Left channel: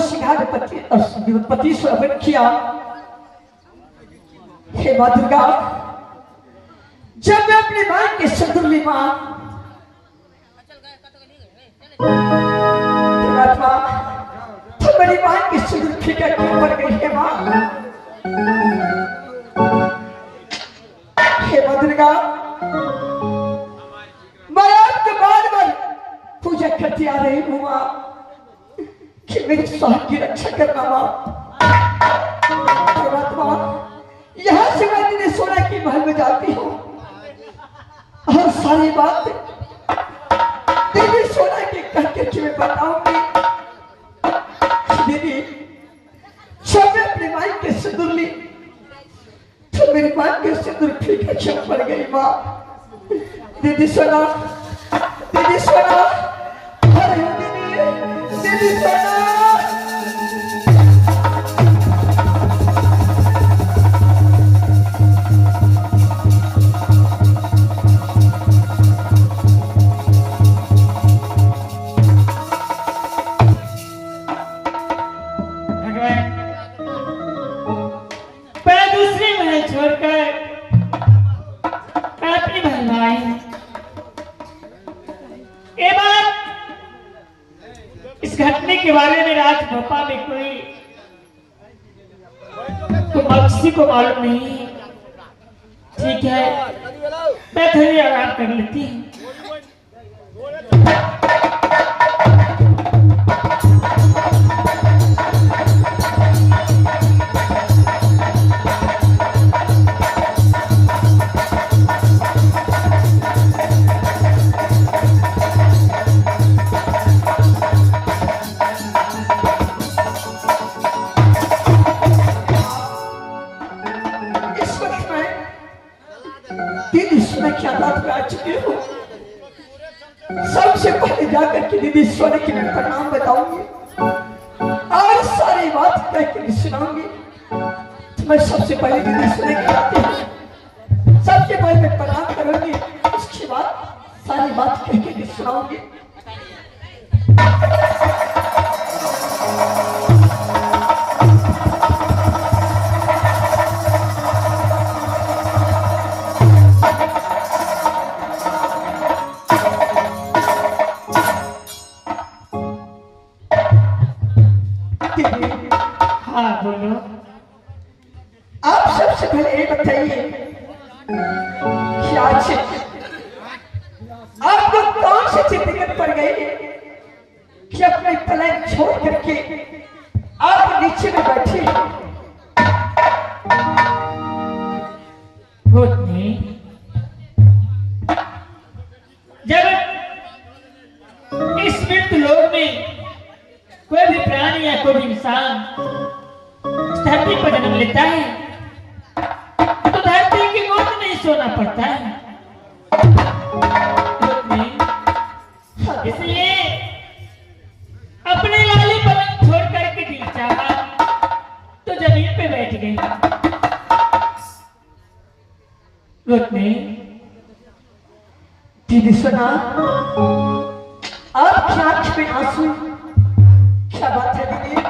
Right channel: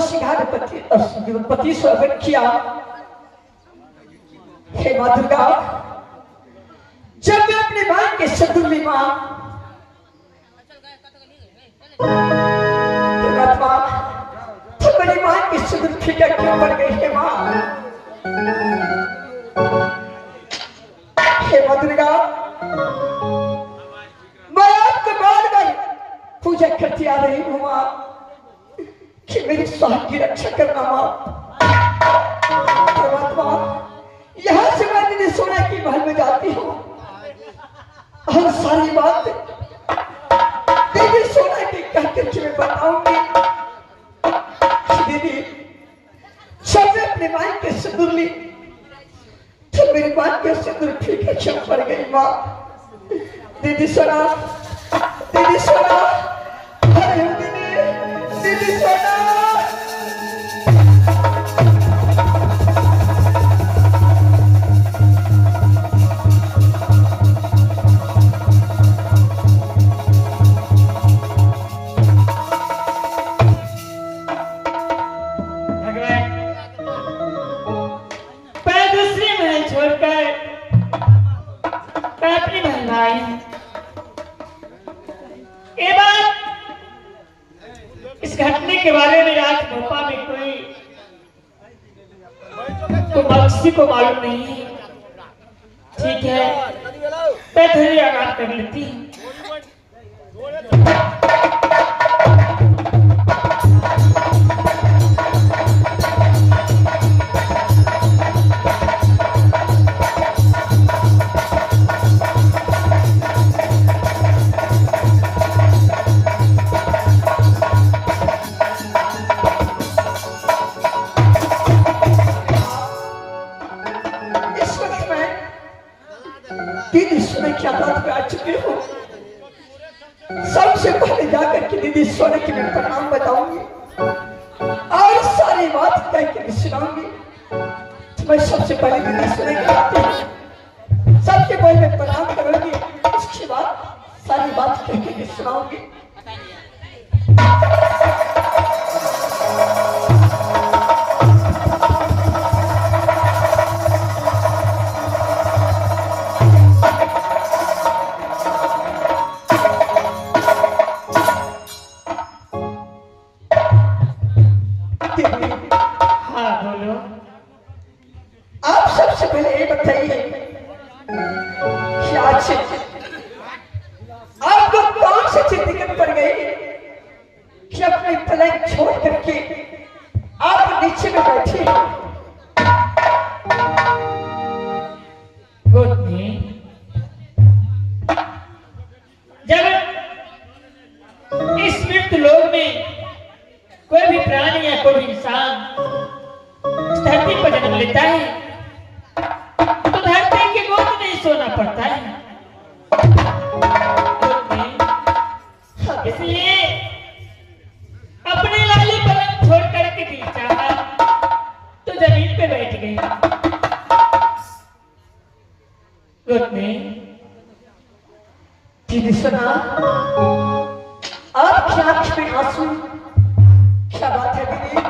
सिंगार पति स्वर्गन किया। हे माँ दुर्गा, जब मैं अपने भाई के शत्रु में मां तो मेरी मां की शत्रु फिकर क्यों पड़ गई है मां? हे माँ दुर्गा, मैं आपके बार बार पूजा करती आ रही हूँ मां कि मेरी स्वास्थ्य की रक्षा करना मां। यहाँ से मैंने सोना की महल में जाती हूँ और सारी बात दीदी सोना की कहते तुम्हें बताऊंगी। दीदी जब मैं अपने माई के सिंदूर ली तो मेरी मां के सिंदूर फीके छन पड़ गई मां। दीदी सोना, दीदी सोना, दीदी सोना। इस घटने के बारे में रात भोपा में कोई बख्शी को मालूम नहीं। ठीक है, मैं थोड़ी आराम कर लेती हूँ। सबसे पहले जाकर के दीदी सोने की मैं प्रणाम बताऊंगी और सारी बात तय कर सुनाऊंगी। तो मैं सबसे पहले दीदी सोने की आती हूँ, सबसे पहले मैं प्रणाम करूंगी, उसके बाद सारी बात कह के सुनाऊंगी। आप सबसे पहले ये बताइए कि आज आपको कौन सी चीज दिक्कत पड़ गई कि अपने पलंग छोड़ करके आप नीचे में बैठे हैं? जब इस मृत लोक में कोई भी प्राणी या कोई इंसान धरती पर जन्म लेता है तो धरती की गोद में ही सोना पड़ता है। इसलिए अपने लाली पलंग छोड़ करके दिल चाहा तो जमीन पे बैठ गई। दीदी सुना, आपकी आंख में आंसू, क्या बात है दीदी?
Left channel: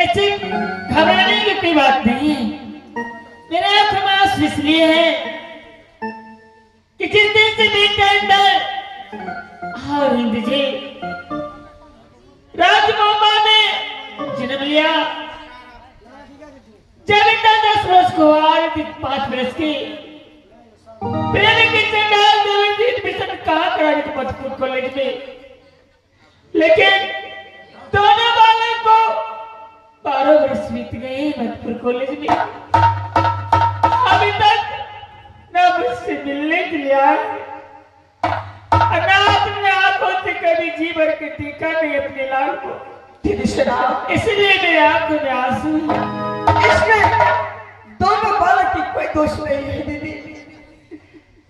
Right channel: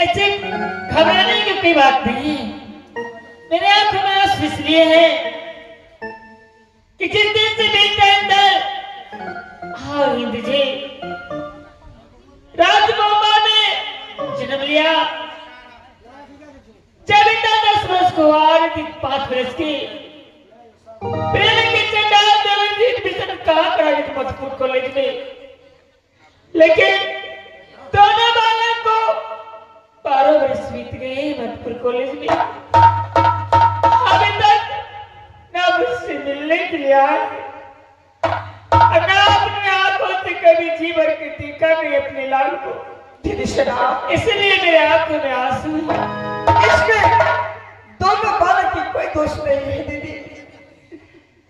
ऐसे घबराने की बात नहीं है। मेरे आंख में आंसू इसलिए है कि जिस दिन से मेरे अंदर हाँ हिंद जी राजमोहमा ने जन्म लिया, चलता 10 वर्ष को आज 5 वर्ष की पहले के चंडाल देवी एडमिशन कहाँ कराए थे मधुपुर कॉलेज में, लेकिन दोनों बालों को 12 वर्ष बीत गए मधुपुर कॉलेज में। अभी तक ना मुझसे मिलने के लिए आए, ना अपने आंखों से कभी जी भर के देखा नहीं अपने लाल को। इसलिए मेरे आंखों में आंसू। इसमें दोनों बालक की कोई दोष नहीं है दीदी,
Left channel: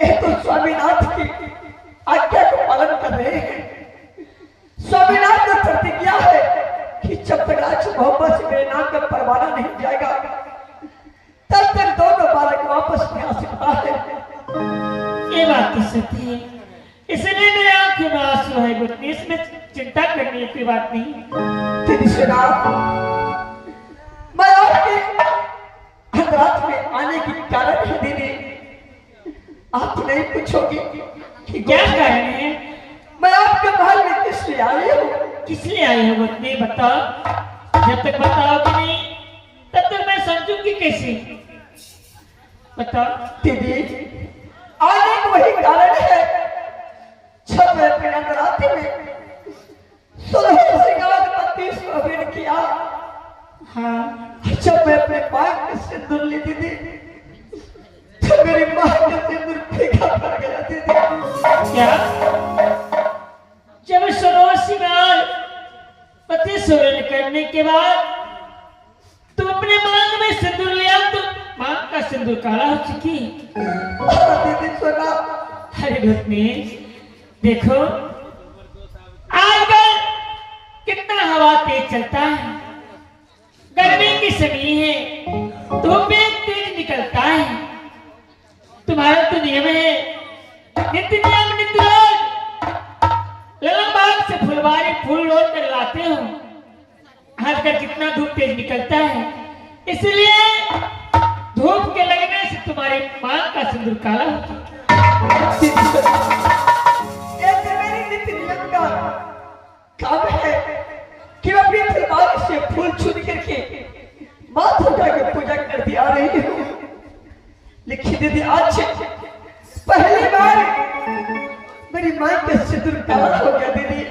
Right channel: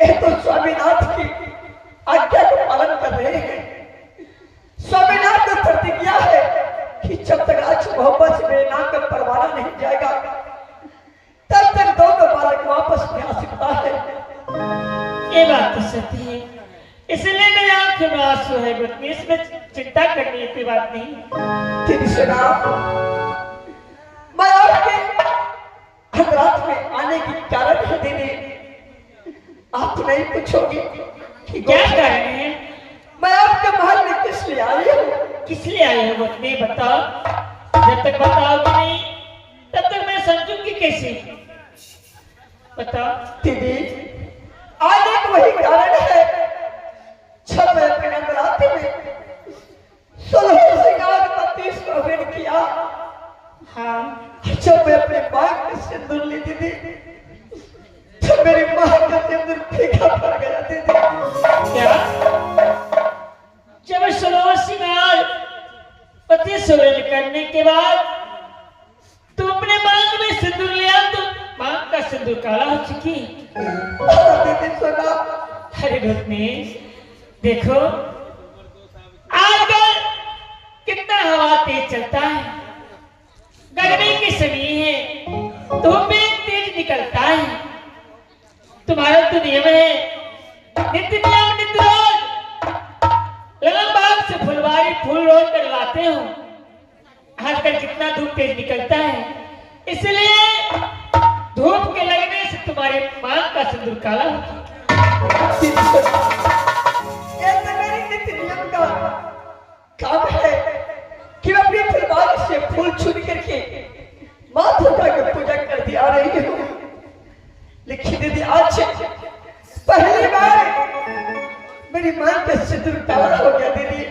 ये तो स्वामीनाथ की आज्ञा को पालन कर रहे हैं। स्वामीनाथ ने प्रतिज्ञा है कि जब तक राज मोहब्बत मेरे नाम का परवाना नहीं जाएगा तब तक दोनों बालक वापस नहीं आ सकता है। ये बात तो सही है, इसलिए आंसू है पत्नी, इसमें चिंता करने की बात नहीं। तेरी सुना, मैं आपके रात में आने की कारण है दीदी। आप नहीं पूछोगी कि क्या कह रहे हैं? मैं आपके महल में किस लिए आई हूँ? किस लिए आए हो पत्नी, बताओ। जब तक बताओगे नहीं तब तक मैं समझूंगी कैसे, बताओ। दीदी, आने का वही कारण है जब मैं अपने नवरात्रि में 16 श्रृंगार 32 प्रवीण किया। हाँ, जब मैं अपने पाक में सिंदूर ली दीदी, जब मेरी माँ का सिंदूर फीका पड़ गया दीदी। क्या? जब 16 श्रृंगार 32 प्रवीण करने के बाद तुम अपने मांग में सिंदूर लिया तो मांग का सिंदूर काला हो चुकी। दीदी सुना, अरे पत्नी देखो, आजकल कितना हवा तेज चलता है, गर्मी की समय है, धूप में तेज निकलता है। तुम्हारा तो नियम है नित्य बाग से फुलवारी फूल रोड कर लाते हो। आजकल कितना धूप तेज निकलता है, इसलिए धूप के लगने से तुम्हारे मांग का सिंदूर काला होता है। ऐसे मेरी नित्य नियम का काम है कि मैं अपनी फुलवारी से फूल चुन करके माँ दुर्गा की पूजा करती आ रही हूँ। लेकिन दीदी आज पहली बार मेरी माँ का सिंदूर काला हो गया दीदी।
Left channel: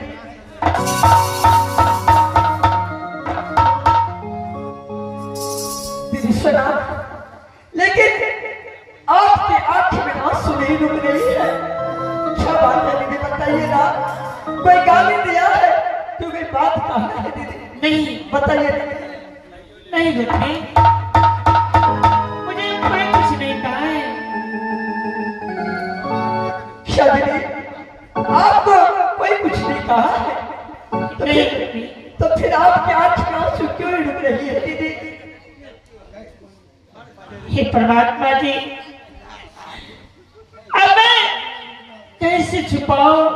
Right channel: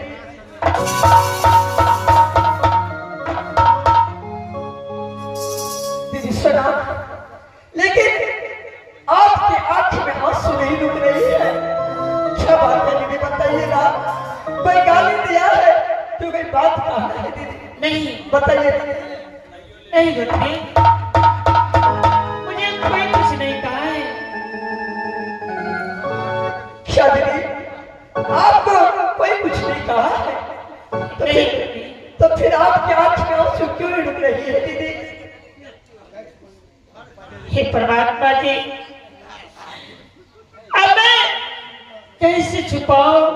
दीदी सुना, लेकिन आपके आंखों में आंसू नहीं रुक रही है। क्या बात है दीदी, बताइएगा। कोई गाली दिया है तो कोई बात कहा है दीदी? नहीं बताइए। नहीं पत्नी, मुझे कोई कुछ नहीं कहा है। क्या दीदी, आपको कोई कुछ नहीं कहा है? नहीं तो फिर आपके आंख में आंसू क्यों नहीं रुक रही है दीदी? हे परमात्मा जी, अब मैं कैसे छुपाऊं,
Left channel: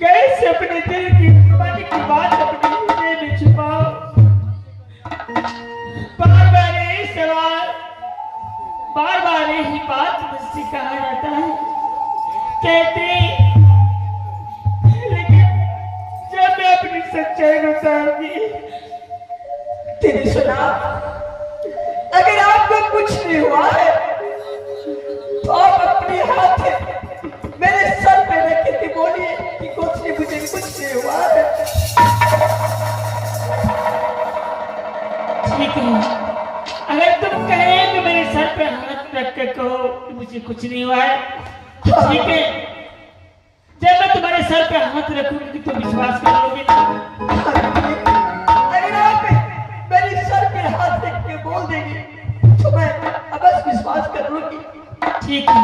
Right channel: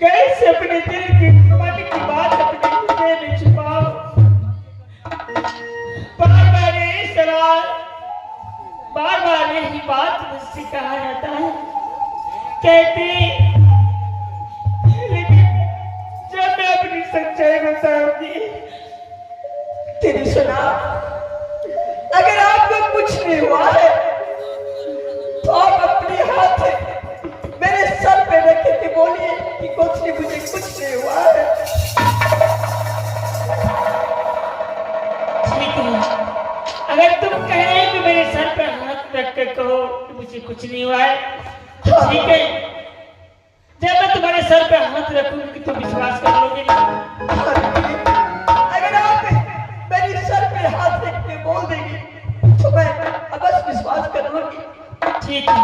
कैसे अपने दिल की मन की बात अपने हृदय में छुपाऊं। बार बार यही सवाल, बार बार यही बात मुझसे कहा जाता है, कहती, लेकिन जब मैं अपनी सच्चाई बताऊंगी। तेरी सुना, अगर आपको कुछ नहीं हुआ है तो आप अपने हाथ मेरे सर पे रख के बोलिए कि कुछ नहीं, मुझे कुछ नहीं हुआ है। ठीक है, अगर तुम कहे कि मेरे सर पे हाथ रख कर कहो कि मुझे कुछ नहीं हुआ है तो ठीक है। जब मैं तुम्हारे सर पे हाथ रखूंगी कि तुम विश्वास कर लोगे ना? अगर आप मेरे सर पे हाथ रख के बोल देंगे तो मैं अवश्य विश्वास कर लूंगी। ठीक है।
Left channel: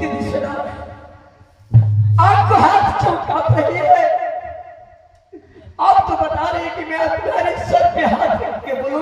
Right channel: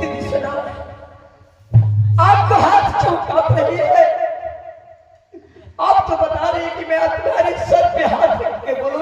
दीदी सुना, आपको हाथ क्यों कांप रही है? आप तो बता रहे हैं कि मैं तुम्हारे सर पे हाथ रख के बोलूं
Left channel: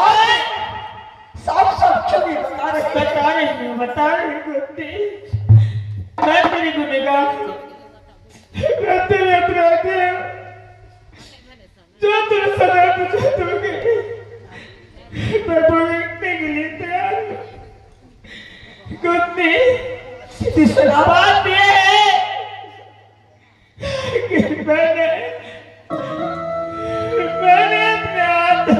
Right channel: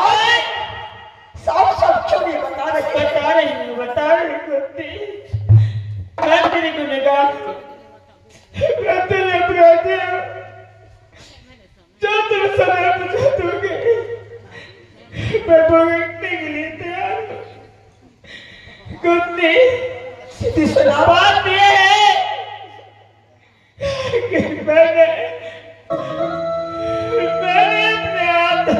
और साफ साफ छवि बता रही बता रही गुप्ती मैं तेरी गुनहगार हूँ। मैं तेरे अपराधी हूँ। जो तुम सजा मुझे दोगे मैं भुगतने के लिए तैयार हूँ। गुप्ती सीधी सुना बात ये है कि मैंने अपने आप से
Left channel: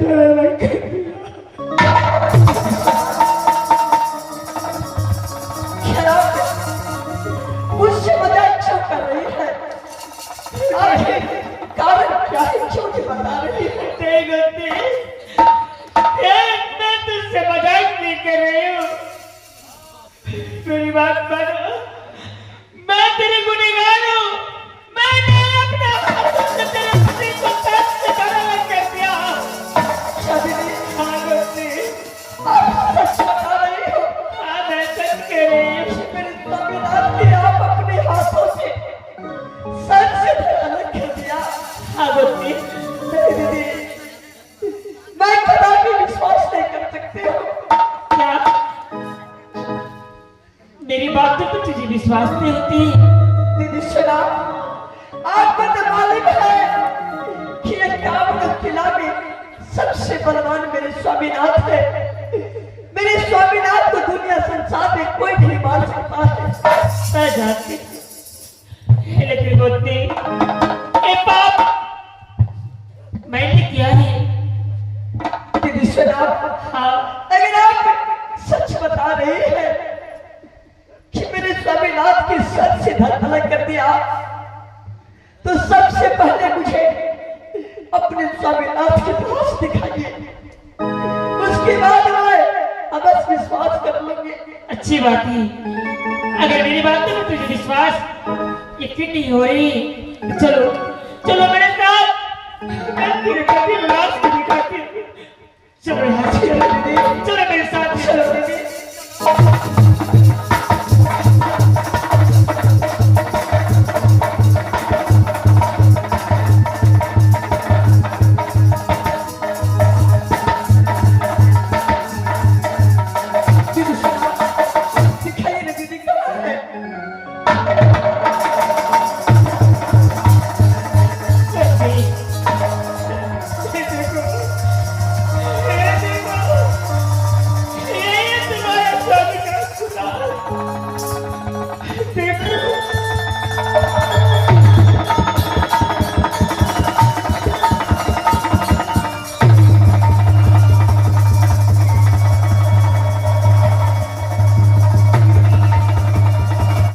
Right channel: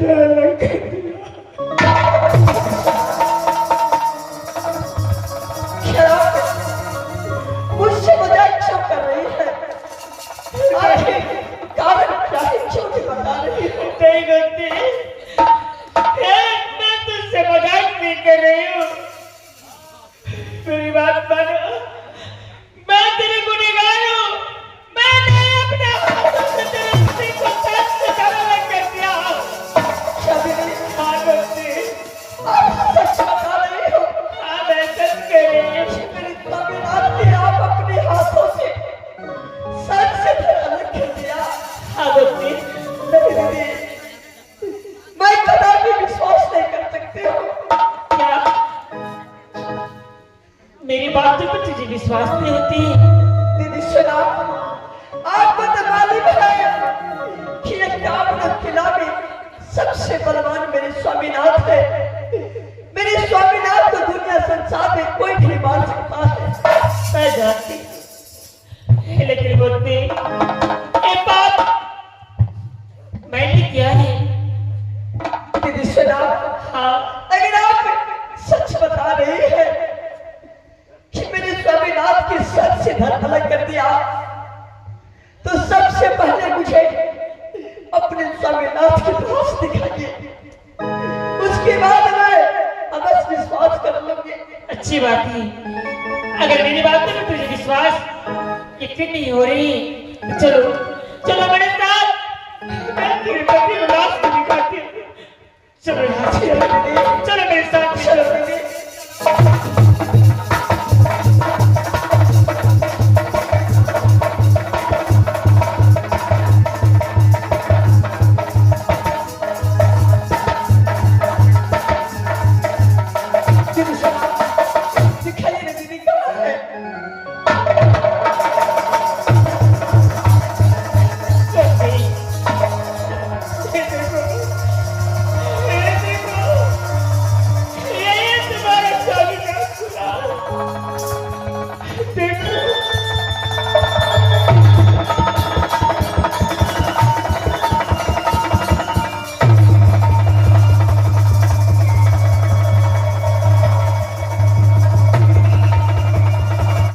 डरा कर शराब मुझसे मजाक क्यों कर रही है? आखिर कारण क्या है जो मुझे बता रही है? नहीं गलती मैं तुझसे मजाक नहीं कर रही हूँ। मेरी बात मानो मैं तेरी गुनहगार हूँ। मैंने अपने हाथों से तेरे पति को सच से धर्म कर दिया। शादी हाँ गलती आप सच बता रही हो? हाँ मैं सच कह रही हूँ। मेरे स्वामीनाथ ने आप अपने हाथों से सर से धरा कर दिया। हाँ गलती मेरी दीदी, मैं कदापि विश्वास नहीं कर सकती हूँ। क्या मेरी बातों पर तुझे विश्वास नहीं होती? दीदी सुना, आपको तो मालूम है कि ये कामना किला में सबसे बलवान मेरे स्वामीनाथ है। मेरे स्वामीनाथ को दुनिया संसार में कोई नहीं मार सकता है। मैं जानती हूँ। लेकिन बोलती एक बात मैंने किया है। दीदी सुना, हाँ अगर आप सच बता रही है कि मेरे स्वामीनाथ की सर से धड़ अलग कर दिया, तो सबसे पहले मुझे अपने स्वामीनाथ के पास दिखाइए। उसके बाद मैं अवश्य विश्वास कर लूंगी। अच्छी बात है। अगर मेरी बात में तुझे विश्वास यकीन नहीं हो रही तो चलो चलो मेरे साथ। मैं तेरे पति लाश को दिखाती हूँ। चलो यहाँ से, चलो मेरे साथ चलो। दीदी सुना,